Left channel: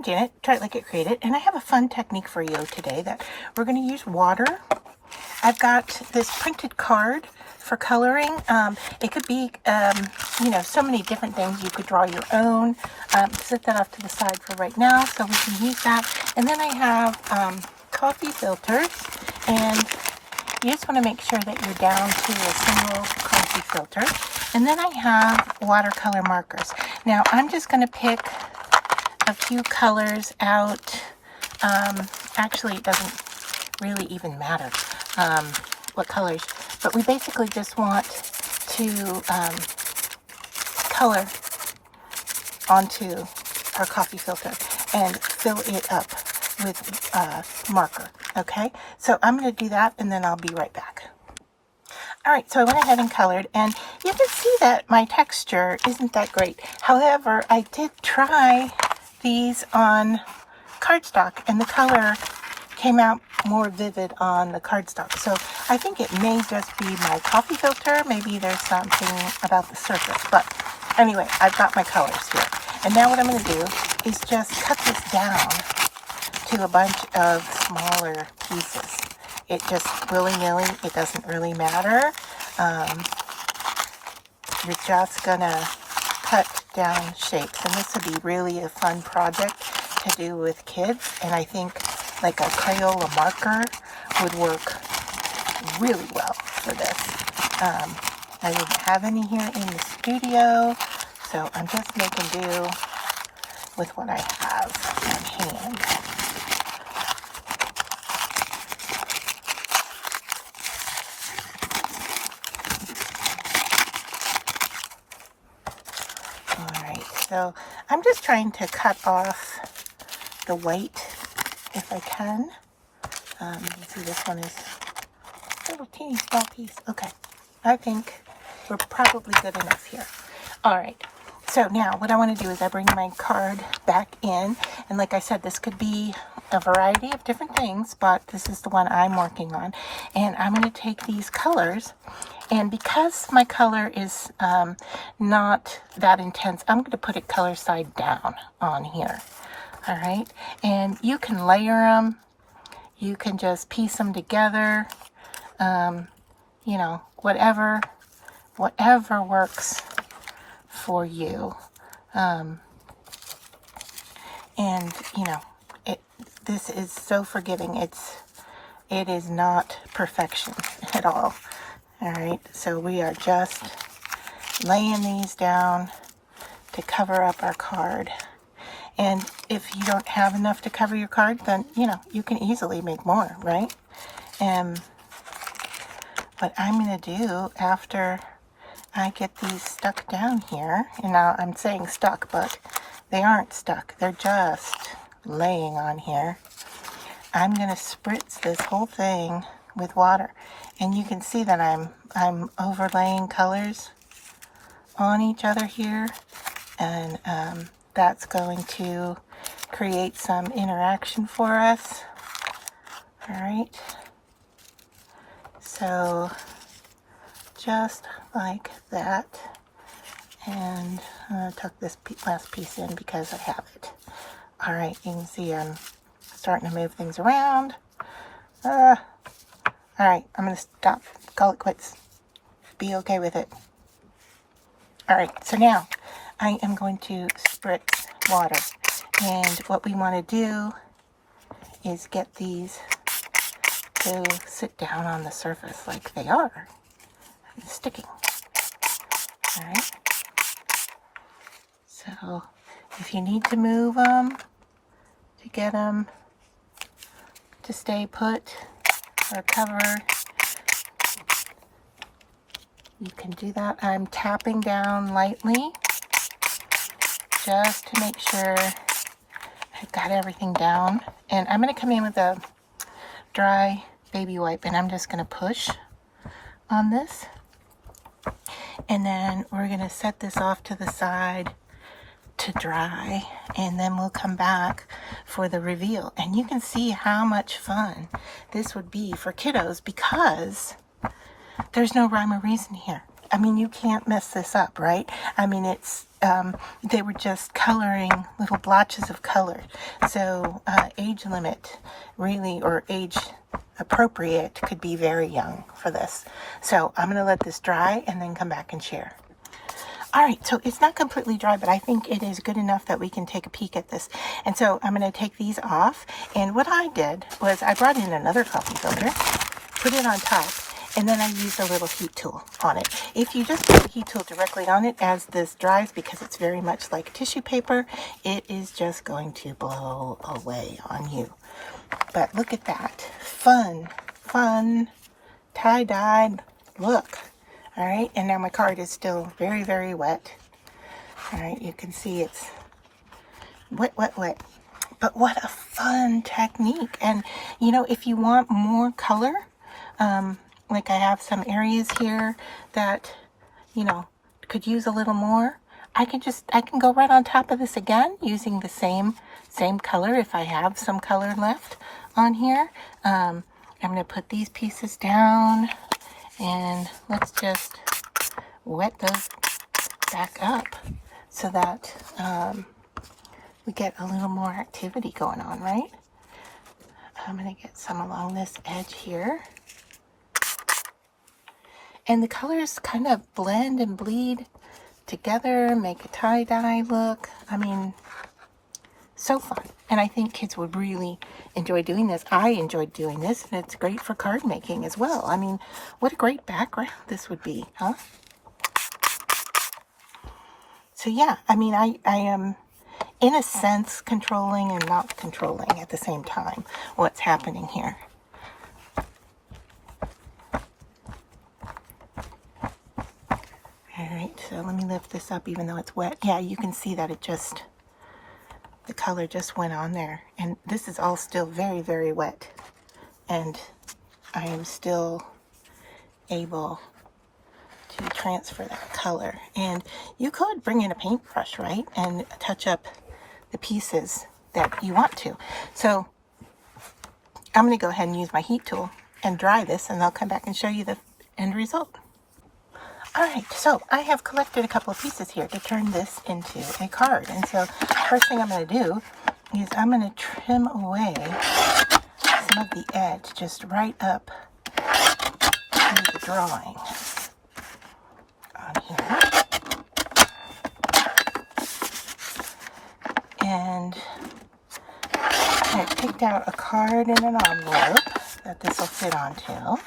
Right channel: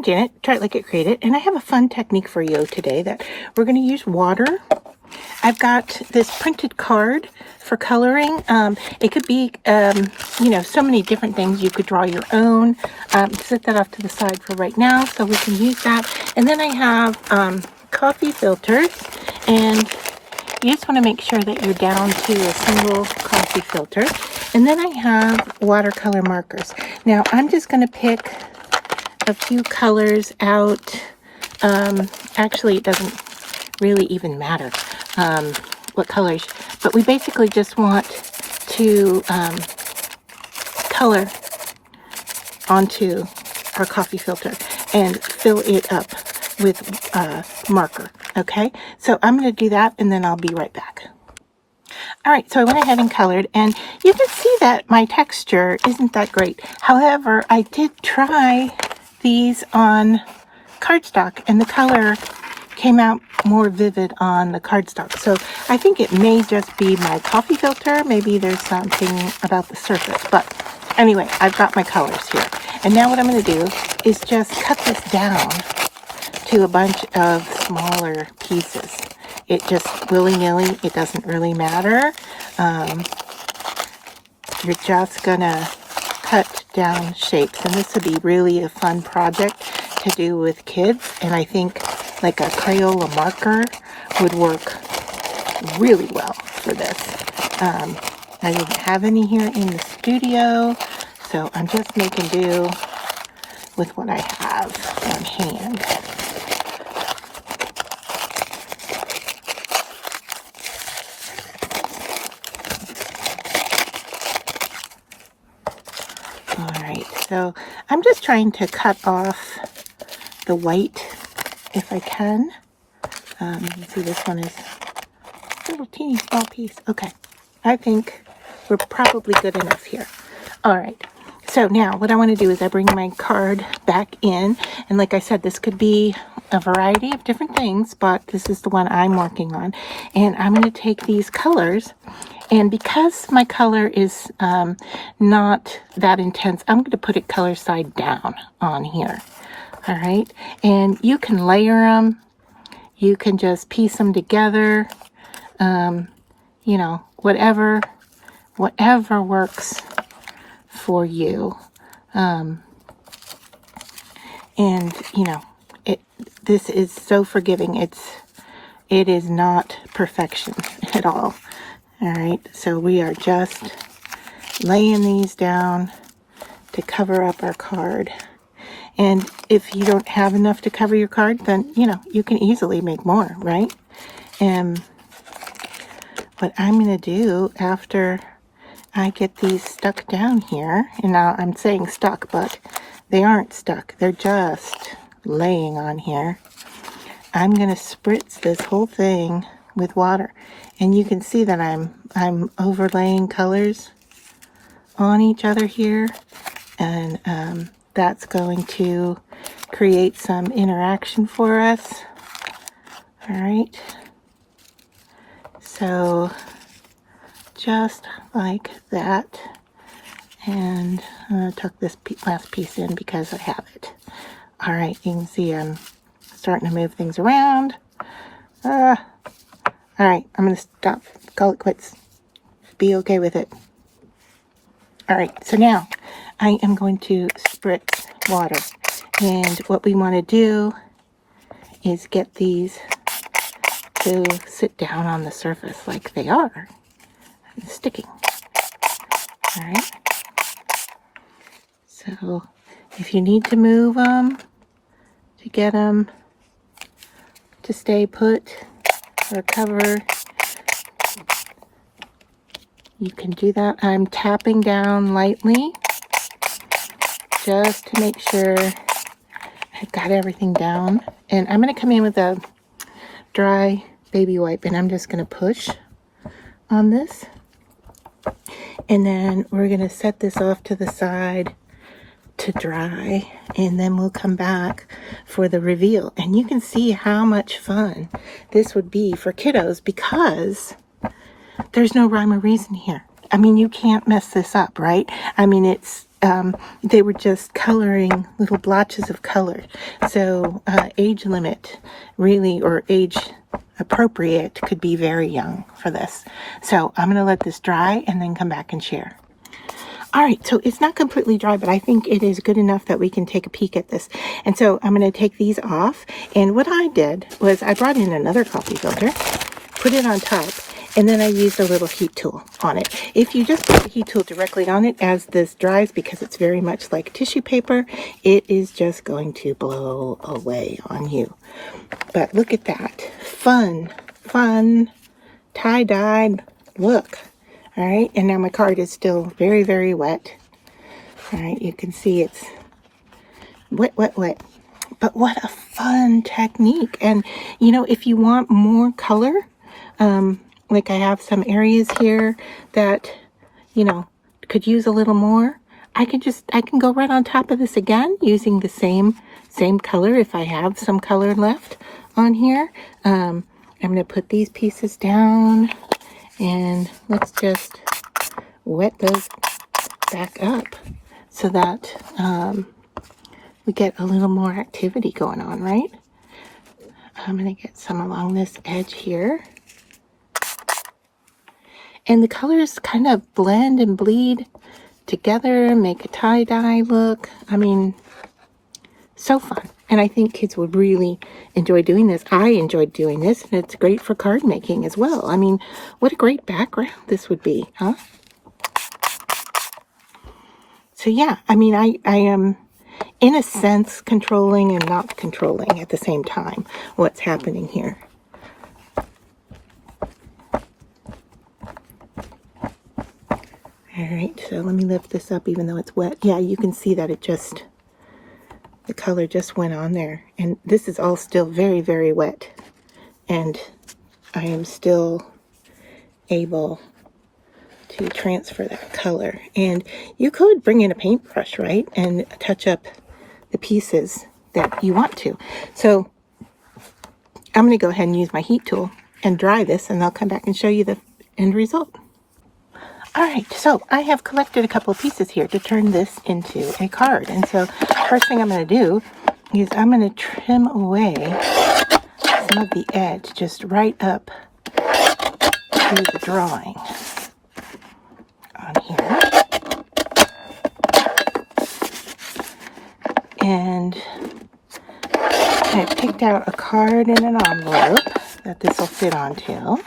I'm Janet, Try It Like It Create It, and I have a fun technique for you today that we're going to use water. I've got this printed card for coloring. It could be, so many different things. You could draw your own. Set that off to the side for right now so we can use that. And then I have coffee filters, and you just want to make sure that you're down to a single coffee filter. And then I have watercolor markers. Now I'm just going to pick a few colors out. Actually, it doesn't really even matter what colors, but we basically just want to color onto our coffee filter and fill it up with marker. Okay, so I'm going to do that and then I'll be right back. Alright, so I went ahead and colored, and you can see that my texture isn't that great. However, I did try these on cardstock, and the color came out more vivid on the cardstock. So I think it may just be my coffee filter. Maybe there's something about the surface. But anyway, I've got my colors here. And now what I'm going to do is just cut this down to a bunch of smaller pieces. It just willy-nilly, it doesn't really matter. You're just gonna cut down shapes, and this would be really a fun project to do with kids. And I think like a Crayola marker would work really well for this. I didn't have any here in the studio, so I'm just making do with what I have on hand. So I'm just trying to cut off the white if I can. You can see this one is a little teeny small piece. Okay, I think we're probably good enough here. All right, so now what I want to do is I bring my card back in, and like I said, this could be a variety of different things, but this is the one I'm working on. And I'm going to take these colors, and because my color is not that intense, I'm going to put it color side down on here. All right, and you can layer them. You can just piece them together. Whatever works for you. This is so forgiving. It is not perfection at all. All right, so we are just laying these down to cover up our card. And if you don't have enough to cover your card, then, you can easily make more, right? And what I'm going to do after I get these stuck down here, and now I'm saying stuck, but they aren't stuck. They're just laying on here. I'm going to spritz this whole thing with water. And you can see that I'm overlaying colors on each other here, and that's going to create some interaction for us. All right, so just like that, and I'm going to tuck this last piece in because I have it. All right, you can see I'm starting to move things around. All right, I'm going to stop, call it quits, be okay with it. All right, so now I am going to spritz water. And what we want to do is get these to sit down on the surface like they are, sticking. All right, so if you need to move them to get them to stay put or cover, you can do that. I'm tapping down lightly just to make sure I've got everything down. And I'm going to come in with a dry baby wipe, and I'm just going to push on this. And then we're going to set this off to the side to dry, and then we'll come back for the reveal. And you can see how much fun this would be for kiddos because there's no rhyme or reason here. I mean, you can't mess this up, right? I mean, it's, they were just coloring little blotches of color. So age limit really, or age appropriate, could be very young for this. So I'm going to let this dry and then come back and share. All right, so it's not completely dry, but I think it is good enough that we can take a peek at this. And so I'm going to take these off. And what I did was I brought in another coffee filter, put it on top, and then I used a little heat tool on it. If you just put the heat tool directly on it as this dries, because it's very much like tissue paper, it is just going to blow away on you. But look at that. Fun, tie-dyed look. All right, and now my card is still very, very wet. All right, you can see it's wet. But what a fun technique. And, you know, if you want more color, like I have some areas here that, you know, could use a little more, I can go right on top of this again using the same color if I have some color left on here. I'm going to put these pieces down. And let's just wet those back up so that we get a little more activity going on, right? I'm going to get some along this edge here. And the colors kind of blend and bleed together, make a tie-dye look. I mean, so fun. And I think kids would really enjoy doing this. I enjoyed doing this, and it's great for card making as well. I mean, what a great background this would be, huh? So yeah, I mean, I am, in a sense, controlling and not controlling at the same time what's happening here. All right, so let me lift this up even though it's wet. Yeah, you can see that it just, the color just went on there. And this is all still very, very wet. And I am still able to transfer that color. And you could bring in a paintbrush, right? And touch up the pieces that you want to. So I'm going to go ahead and use my heat tool and dry this, and I'll come back and show you the end result. All right, so I have collected a couple of pieces here to turn this into a card. And so first thing I'm going to do is I'm going to trim away some of the edge just right up to the drawing on here. And I picked out a card in an envelope that this will fit onto.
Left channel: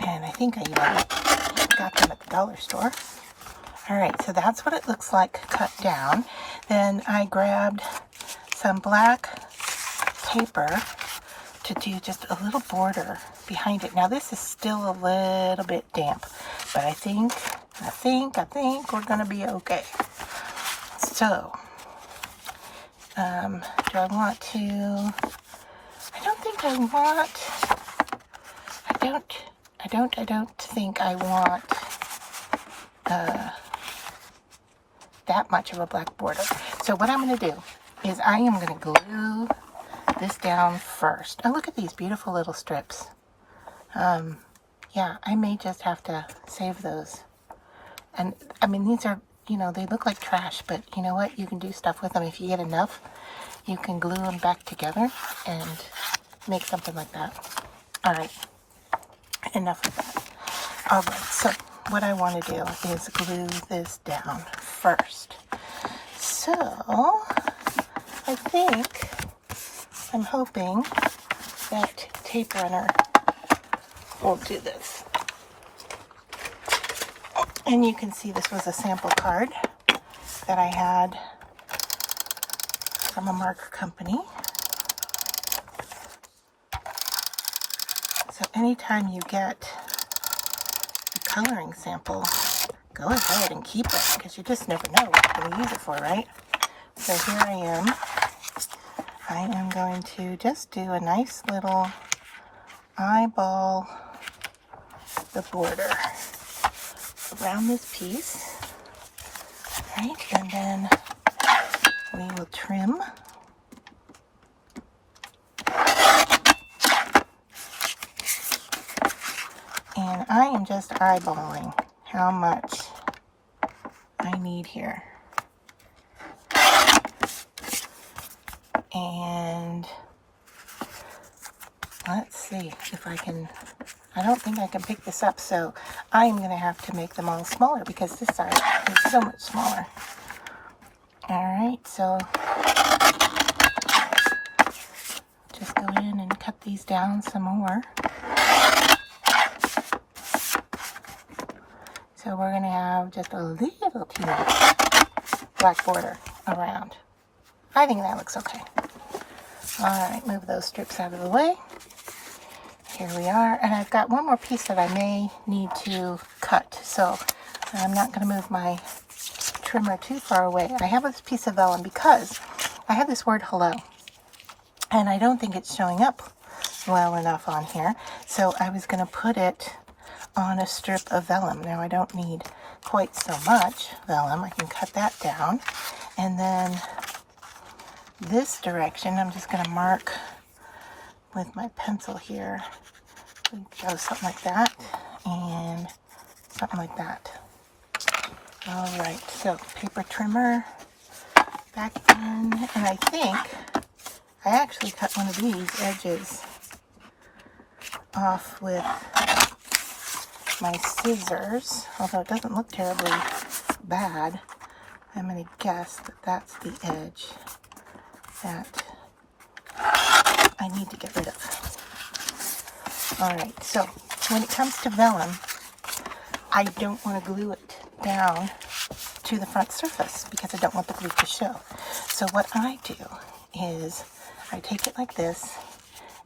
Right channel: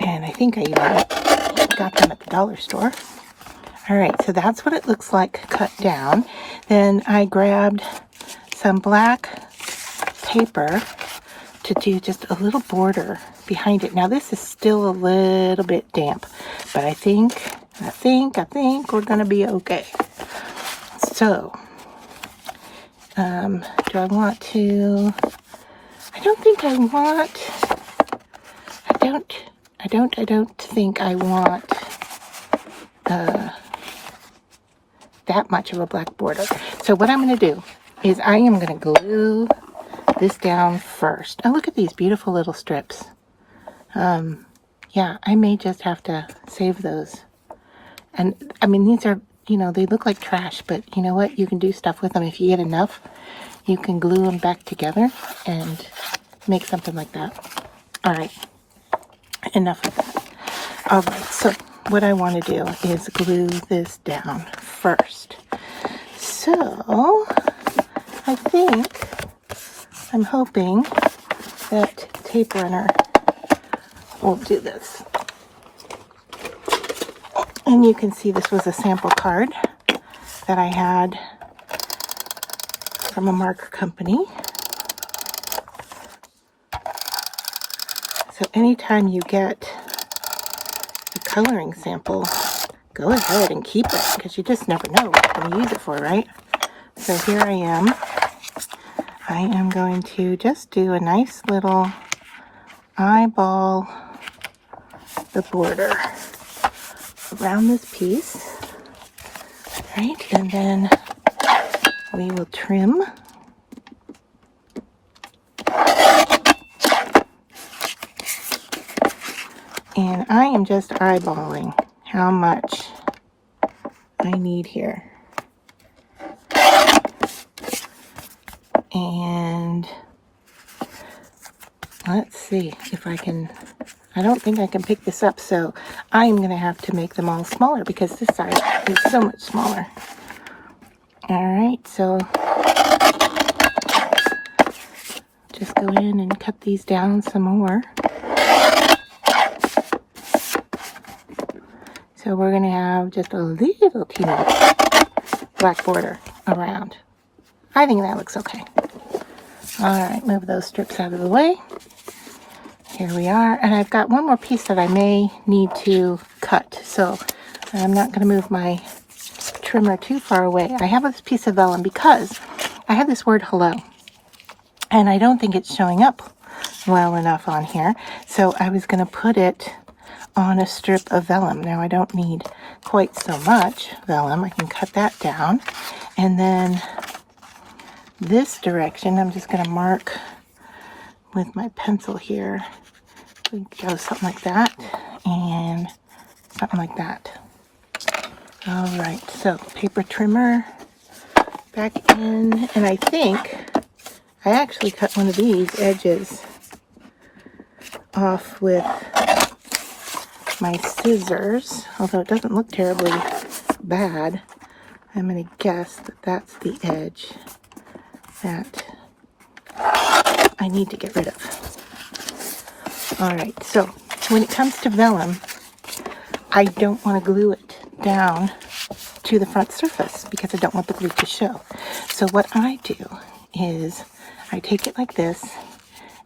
And I think I even got them at the dollar store. All right, so that's what it looks like cut down. Then I grabbed some black paper to do just a little border behind it. Now this is still a little bit damp, but I think we're gonna be okay. So, do I want to? I don't think I want. I don't think I want that much of a black border. So what I'm going to do is I am going to glue this down first. Oh, look at these beautiful little strips. Yeah, I may just have to save those. And I mean, these are, you know, they look like trash, but you know what? You can do stuff with them. If you get enough, you can glue them back together and make something like that. All right. Enough of that. All right, so what I want to do is glue this down first. So I'm hoping that tape runner will do this. And you can see this was a sample card that I had from a marker company. So anytime you get a coloring sample, go ahead and keep it, because you just never know what you're going to use it for, right? So here I am. I am going to just do a nice little eyeball the border around this piece, right? And then we will trim. And I am just eyeballing how much I need here. And let's see if I can, I don't think I can pick this up, so I'm going to have to make them all smaller because this side is so much smaller. Alright, so just go in and cut these down some more. So we're going to have just a little teeny black border around. I think that looks okay. Alright, move those strips out of the way. Here we are, and I've got one more piece that I may need to cut, so I'm not going to move my trimmer too far away. I have this piece of vellum because I have this word hello, and I don't think it's showing up well enough on here, so I was going to put it on a strip of vellum. Now I don't need quite so much vellum. I can cut that down, and then this direction I'm just going to mark with my pencil here. Go something like that and something like that. All right, so paper trimmer back in, and I think I actually cut one of these edges off with my scissors, although it doesn't look terribly bad. I'm going to guess that that's the edge that I need to get rid of. Alright, so when it comes to vellum, I don't want to glue it down to the front surface because I don't want the glue to show. So what I do is I take it like this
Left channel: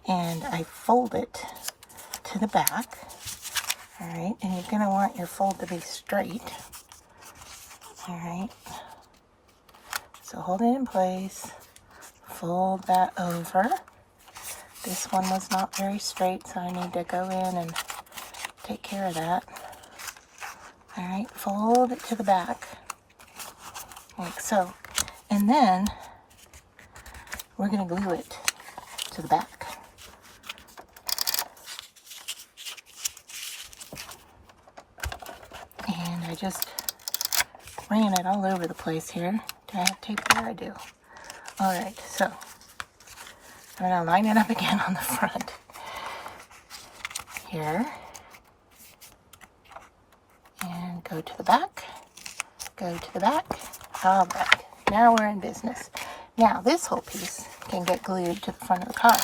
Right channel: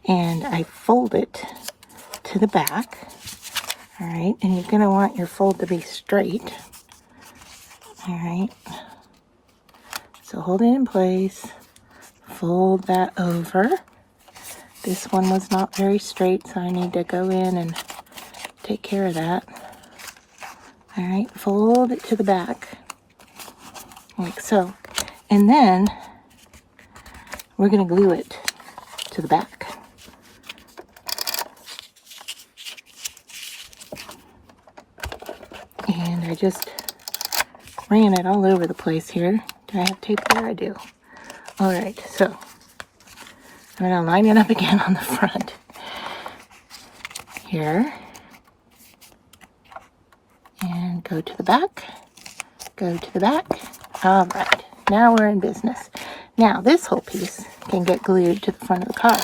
and I fold it to the back. Alright, and you're going to want your fold to be straight. Alright, so hold it in place, fold that over. This one was not very straight, so I need to go in and take care of that. Alright, fold it to the back, like so. And then we're going to glue it to the back. And I just ran it all over the place here. Do I have tape there? I do. Alright, so I'm going to line it up again on the front. Here. And go to the back. Go to the back. Alright, now we're in business. Now this whole piece can get glued to the front of the card.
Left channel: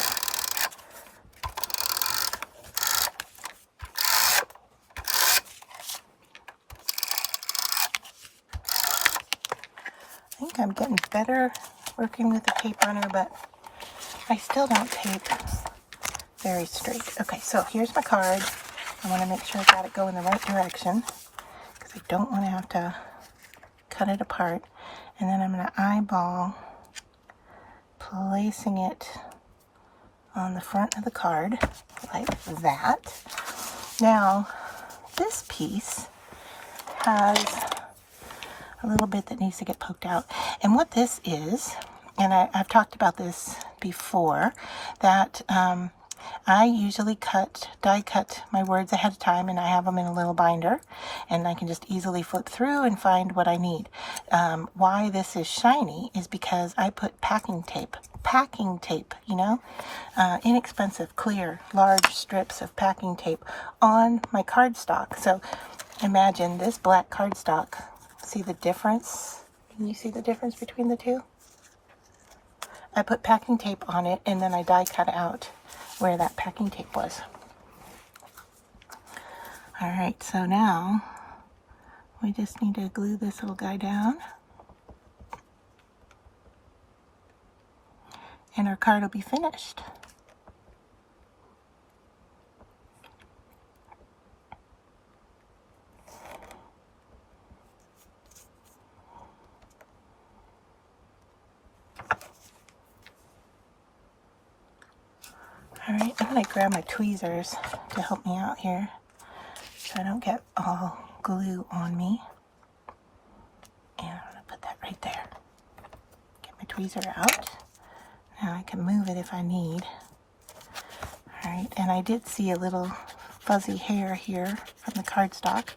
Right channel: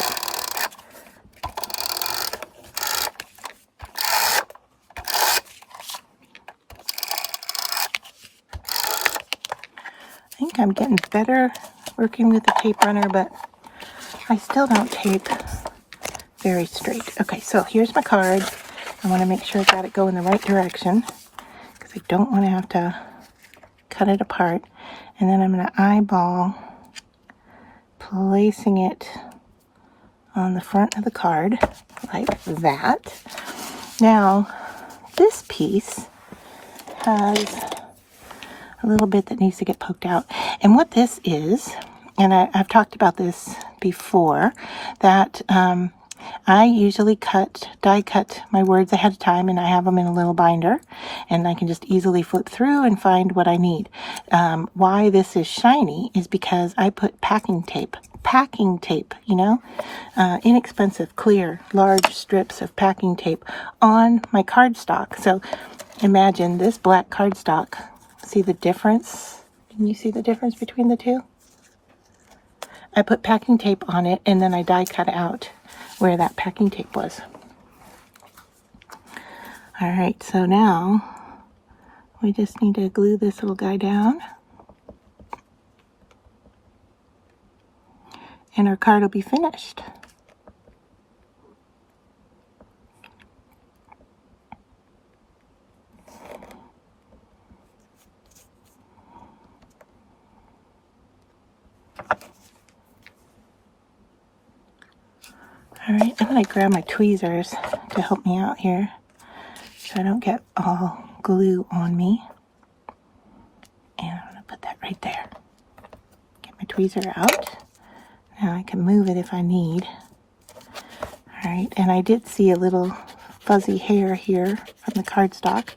I think I'm getting better working with the tape runner, but I still don't tape very straight. Okay, so here's my card. I want to make sure I got it going the right direction because I don't want to have to cut it apart. And then I'm going to eyeball placing it on the front of the card like that. Now, this piece has a little bit that needs to get poked out. And what this is, and I've talked about this before, that I usually die cut my words ahead of time, and I have them in a little binder, and I can just easily flip through and find what I need. Why this is shiny is because I put packing tape, you know, inexpensive, clear, large strips of packing tape on my cardstock. So imagine this black cardstock. See the difference? Can you see the difference between the two? I put packing tape on it, and then I die cut out where that packing tape was. Alright, so now we just need to glue this little guy down. And our card will be finished. Alright, I'm going to grab my tweezers to help me out here so I don't get all glue on me. And I'm going to put that right there. Get my tweezer out. Now I can move it if I need. Alright, and I did see a little fuzzy hair here from the cardstock.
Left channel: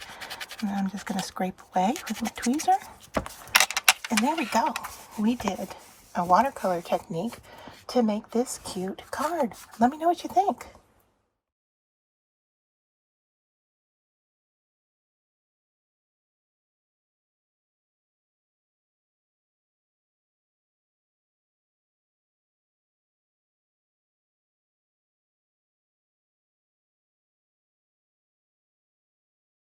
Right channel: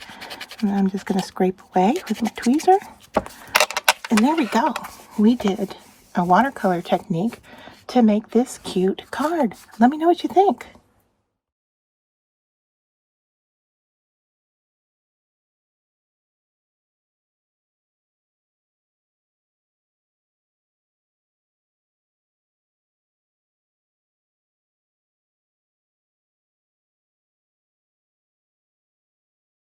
And I'm just going to scrape away with my tweezer. And there we go. We did a watercolor technique to make this cute card. Let me know what you think.